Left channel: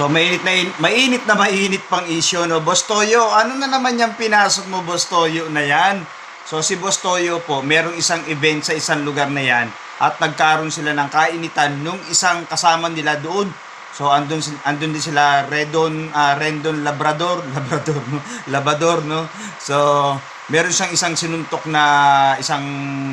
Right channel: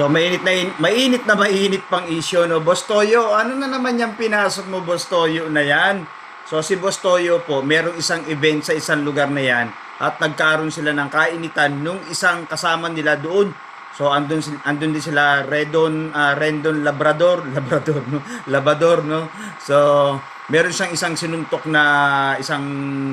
So mainit pang issue, no? Boss Toyo, ano na naman yung pinasok mo, Boss Toyo, na yan? So si Boss Toyo po, merong isang event sa isang lugar na yan at nagkaroon sila ng kainitan nung isang kasama nila doon. So andun din sila Rendon Labrador, Labrador, no? So meron siyang isang sinuntok na isang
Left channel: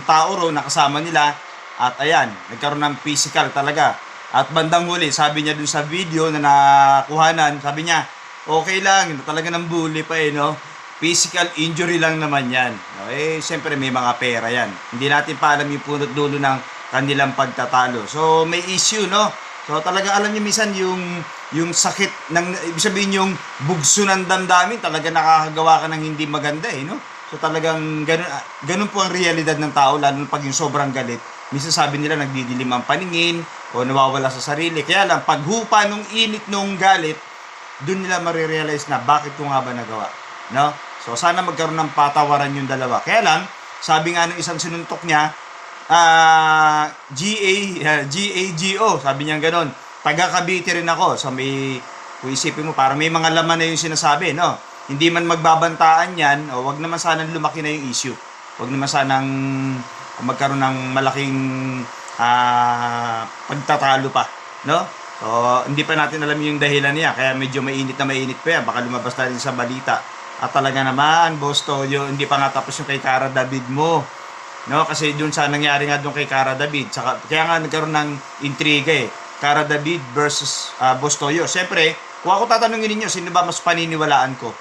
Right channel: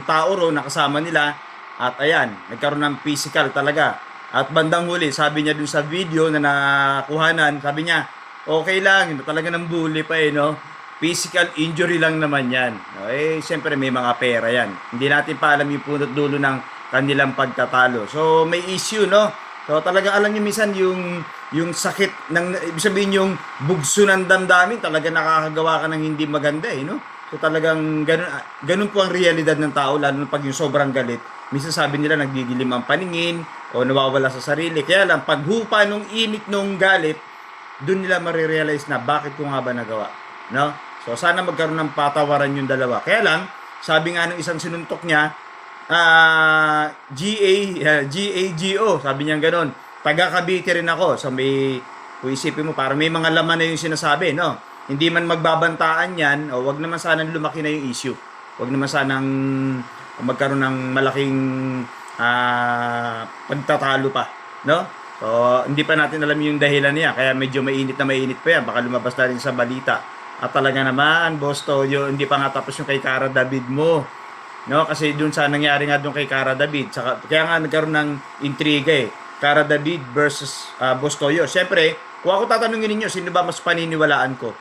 tao ro na kasama nila at ayan, nagkaroon ng physical talaga. At bandang huli, sabi niya dun sa video na nakuhanan, sabi niya, okay lang, talaga ng bully pa no? Physical injury lang naman yan. No? Siyempre may mga pera yan. Hindi natin pa alam yung punot dulo ng kanilang pagtatalo. So, may issue, no? So, talagang alam niyo minsan yung sakit, ibig sabihin yung bugso ng damdamin, talaga nakakagawa ka ng hindi maganda, no? So, talagang ganun po ang realidad ng tao, lalo pag yung sobrang galit. Minsan sabi nila nagdidilim ang paningin o nawawala sa sarili. Kaya lang, paghupa nung init nung galit, dun nila marirealize na bakit ko nga ba nagawa. No? So, sana magkaroon ng patawaran yung dalawa. Kaya lang, sabi nga ng isang sinuntok niya, GAGO, sabi niya gano'n. Taga Cavite rin ako. So, kung isipin mo, parang may mga laman na yung sinasabi, no? Hindi man magbabantaan yan, o wag naman sanang lumaki na yung issue. Wag naman sanang magkaroon ng malaking pagtatalo pa, no? So, hindi pa natin alam yung dahilan niya, kaya medyo mainit pa yan, baka lumabas na rin sa balita. At talaga naman, Boss Toyo, hindi pa nga tapos yung kay Cara David mo, no? Kasi dun sa nangyari nga dun kay Cara David, kaya nga nagkaroon ng intriga Cara David versus Boss Toyo. Siyempre, kung ako tatanungin ninyo, sino ba mas paniniwalaan ko?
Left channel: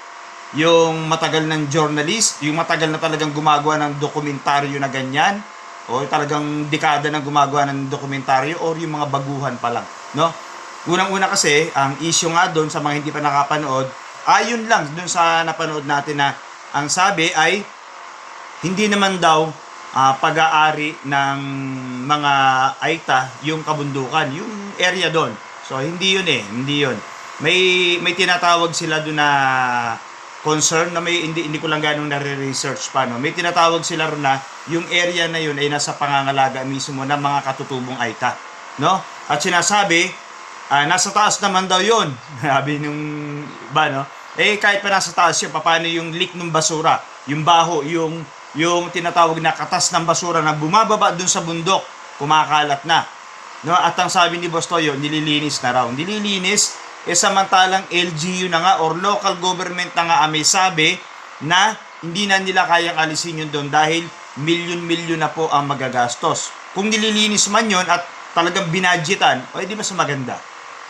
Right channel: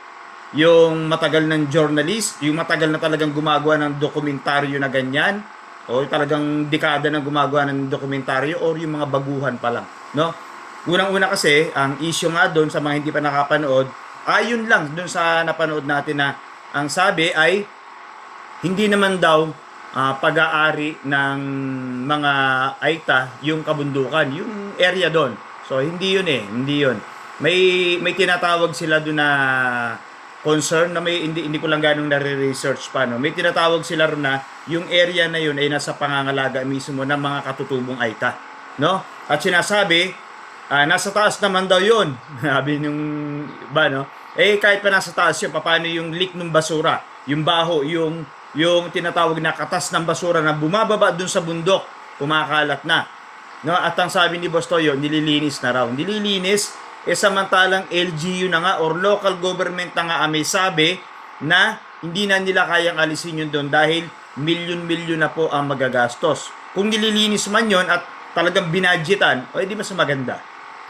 Yung matagal ng journalist, yung matagal na talagang gumagawa ng dokumentaryo na ganyan, o talagang dekada na gumagawa ng dokumentaryo, o yung mga baguhan pa lang, no? Unang-una kasi, ang issue nga doon sa mga hindi pa nakapanood, ayon lang doon sa napanood natin na ang sabi ay hindi naman daw pag-aari ng mga Aita yung kabundukan, yung area doon. So hindi yun. May tinatawag sila doon na concern na hindi ko lang ganong nare-research pa, no. May tinatawag sila ron na yung area na yun ay nasa pangangalaga mismo ng mga katutubong Aita, no? At sinasabi, nasa taas naman daw yun. Sabi nung iba, no? Kahit pa nasa taas yun, paano yung leak ng basura, yung baho, yung tinatawag na katas ng basura na bumababa dun sa bundok, kumakalat na, no? At ang sabi ni Boss Toyo, nililinis na raw. Nililinis, samantalang LGU na nga or local government na nga may sabi na hindi na nila kayang alisin yun doon dahil milyon-milyon na po ang magagastos. Kung nililinis man yun at talagang binadgetan, di mas maganda,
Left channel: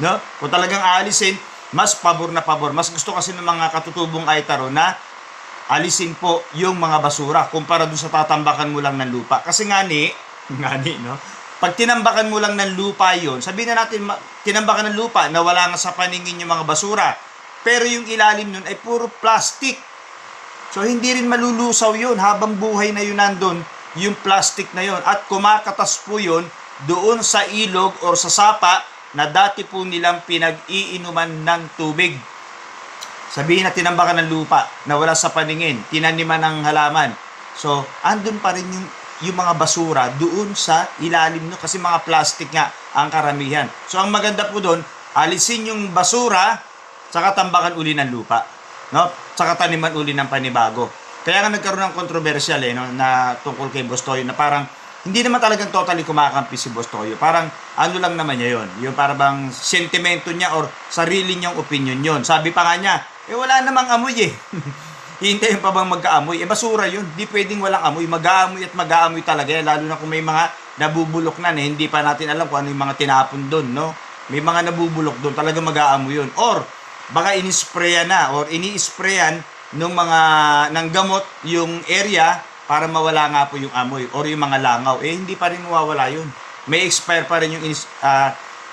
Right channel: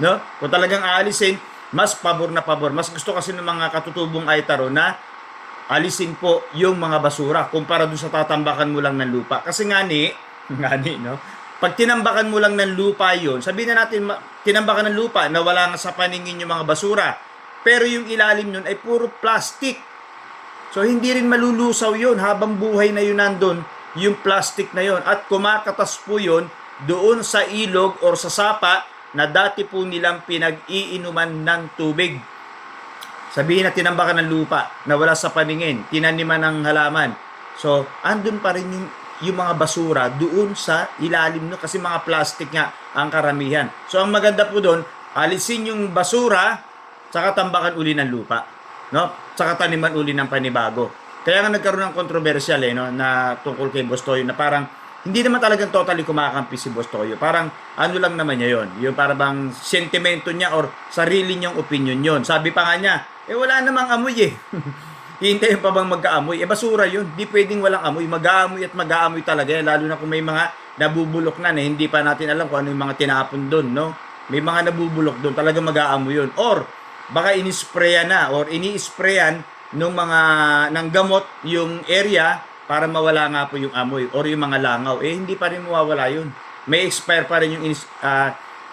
no? Kung talagang aalisin, mas pabor na pabor. Mas gusto kasi ng mga katutubong Aitaro na alisin po yung mga basura kumpara doon sa tatambakan mo lang ng lupa. Kasi no? Pag tinambakan mo lang ng lupa yon, sabihin na natin, tinambakan ng lupa na wala nga sa paningin yung mga basura. Pero yung ilalim nun ay puro plastic. So, hindi rin malulusaw yon habang buhay na yun nandun, yung plastic na yon. At kumakatas po yun doon sa ilog or sa sapa na dati po nilang pinag-iinuman ng tubig. Sabihin na tinambakan ng lupa na wala sa paningin, tinaniman ng halaman. So, andun pa rin yung mga basura doon sa ilalim nyo kasi mga plastic nga ang karamihan. So, ang maganda po doon, alisin yung basura saka tambakan uli ng lupa, no? Saka taniman uli ng panibago. Kaya nga nagkaroon ng controversial no, na tungkol kay Boss Toyo na parang hindi naman talagang totally kumakampi si Boss Toyo. Parang ano lang naman niya yon, yung parang bang sentimento niya or sarili niyang opinion yon. Sabi pa nga niya, wala namang amoy Hihintayin pa bang magkaamoy? Basura yun. Di pwedeng walang amoy. Mag-aamoy at mag-aamoy talaga yan. Lalo na kung may mga nabubulok na hindi pa natin alam kung ano yung mga tinapon doon, no? May mga nabubulok doon. Talaga mag-aamoy yun. Or, baka inisprayan na or ini-sprayan ng gamot yung area para mawala nga po yung amoy or yung mga langaw. Hindi pa rin mawawala yun. May expire pa rin yung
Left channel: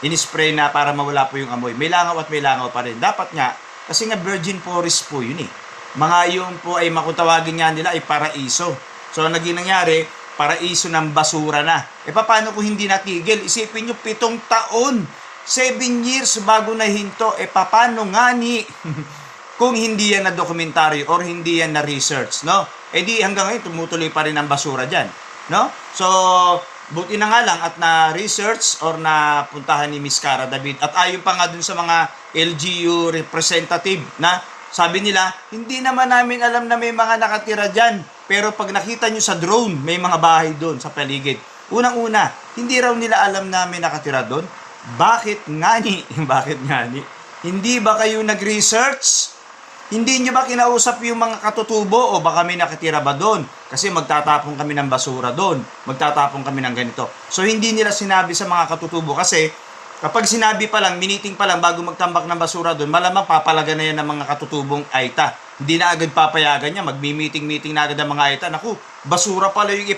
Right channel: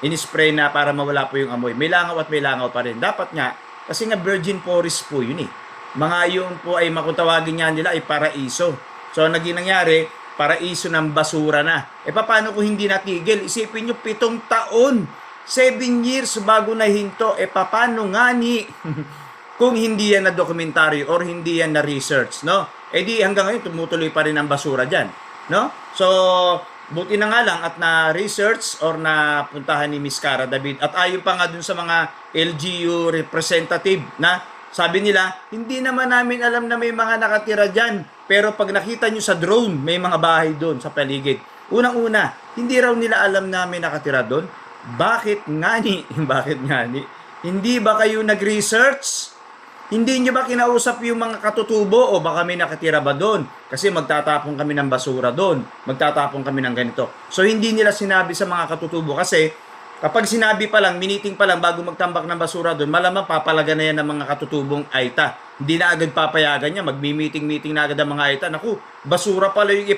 in-spray na para mawala po yung amoy. May langaw at may langaw pa rin. Dapat nga, kasi nga virgin forest po yun Mga yung po ay makutawagin nga nila ay paraiso. So, naging nangyari, paraiso ng basura na. Paano kung hindi natigil? Isipin nyo, 7 taon, 7 years bago nahinto. Paano nga kung hindi yan na dokumentaryo or hindi yan na research, no? Di hanggang ngayon, tumutuloy pa rin ang basura dyan, no? So, buti na nga lang at na-research or napuntahan ni Miss Cara David. At ayon pa nga dun sa mga LGU representative na sabi nila, hindi naman namin alam na may mga nakatira dyan. Pero pag nakita nyo sa drone, may mga bahay doon sa paligid. Unang-una, hindi raw nila alam na may nakatira doon. Bakit nga ni? Bakit nga ni? Hindi ba kayo nag-research? Hindi nyo ba kinausap yung mga katutubo o baka may nakatira ba doon? Kasi magtatapon kami ng basura doon. Magtatapon kami ng ganito. So hindi nila sinabi sa mga katutubo kasi kapag sinabi pa lang, miniting pa lang bago magtambak ng basura doon, malamang papalaga na yan ng mga katutubong AITA. Hindi na agad papayagan niya, magmi-meeting-meeting na agad ang mga AITA. Naku, basura pala yung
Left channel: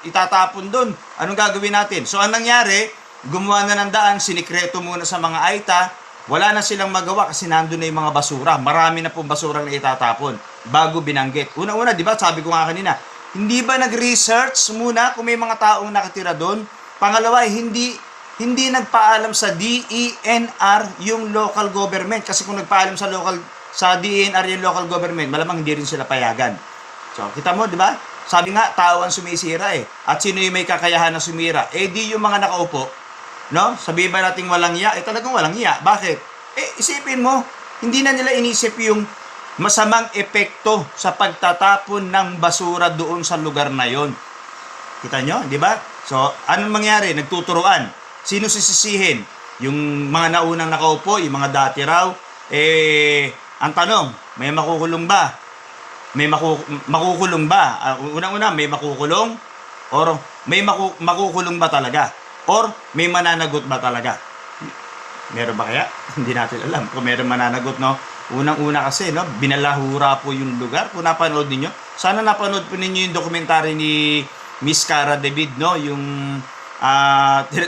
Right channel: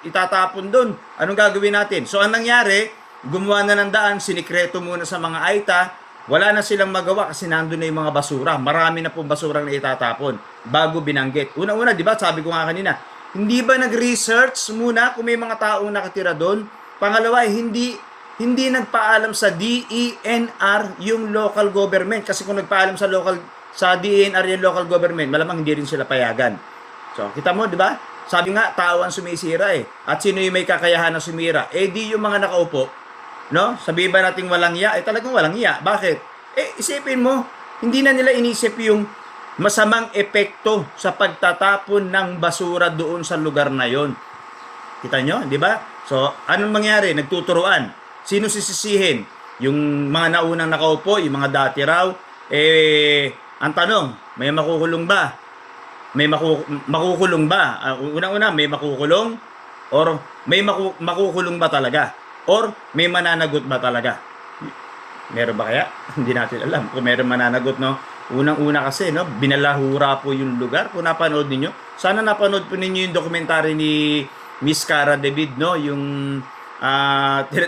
itatapon doon. Anong gagawin natin? So anong nangyari? Gumawa na ng daan, sinikreto muna sa mga AITA. Wala na silang magawa kasi nandun na yung mga basura. Marami na pong basura na itatapon bago binanggit. Una-una, di ba, sabi ko nga kanina, hindi ba nag-research muna kung may mga taong nakatira doon? Pangalawa, hindi nagpaalam sa DENR yung local government. Kasi kung nagpaalam sa DENR yung local government, malamang hindi rin sila payagan. So, kita mo, di ba? Sabi nga, tao ang sumisira eh. At sino yung may kakayahan na sumira? Eh, di yung mga nakaupo. No? Sabihin ba nating walang iya? Eh talagang walang iya. Bakit? Eh isipin mo, hindi na nila inisip yung masamang epekto sa pagtatapon ng basura doon sa lugar na yon. Kita nyo, di ba? So, anong mangyari? Nagtuturuan. Sino sisisihin? Yung mga naunang nakaupo, yung mga dati raw. Eh, ang tanong, may makukulong ba? May makukulong ba? Unang-una, may makukulong? Or may makukulong ba talaga? Or may mananagot ba talaga? Meron ba kaya? Hindi natin alam kung meron mananagot, no? Unang-una kasi, no, binalahura po yung lugar. Kung napanood niyo, sana napanood po ninyo yung dokumentary ni Miss Cara David, no? Yung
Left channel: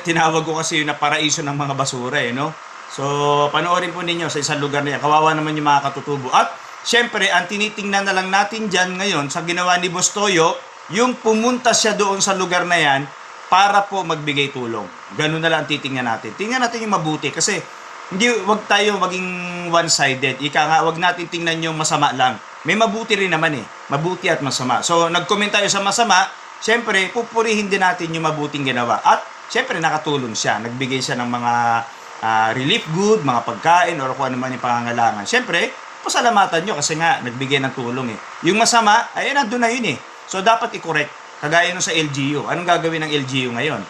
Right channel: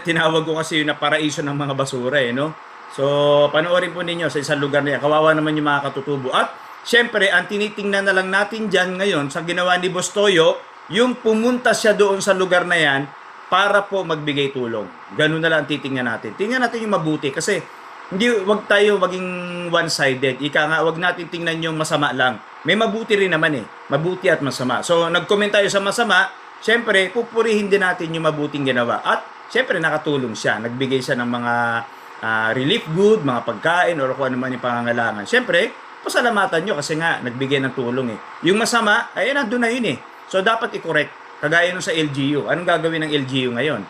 tinawag ko kasi yung na paraiso ng mga basura, eh, no? So, panoorin po ninyo sa isang lugar na yan. Kawawa naman yung mga katutubo. At, syempre, ang tinitingnan na lang natin dyan ngayon sa ginawa ni Boss Toyo, yung pumunta siya doon sa lugar na yan para po magbigay tulong. Ganun na lang titingnan natin. Tingnan natin yung mabuti kasi wag tayo maging one-sided. Ika nga, wag natin tingnan yung masama lang. May mabuti rin naman eh. Mabuti at masama. So, nag-comment tayo sa masama, syempre, pupurihin din natin yung mabuting ginawa. At, syempre, nakatulong siya. Nagbigay siya ng mga relief good, mga pagkain, or kung ano man yung pangangailangan. Syempre, pasalamatan nyo kasi nga, nagbigay ng tulong eh. Yung masama, ay nandun na yun eh. So, dapat i-correct. Kagaya nung sa LGU. Anong gagawin ng LGU ngayon?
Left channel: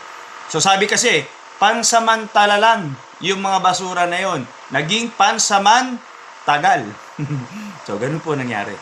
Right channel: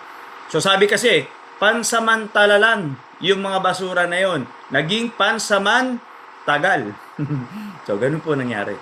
So sabi kasi, pansamantala lang yung mga basura na yon. Naging pansamantagal. So ganun po nangyari.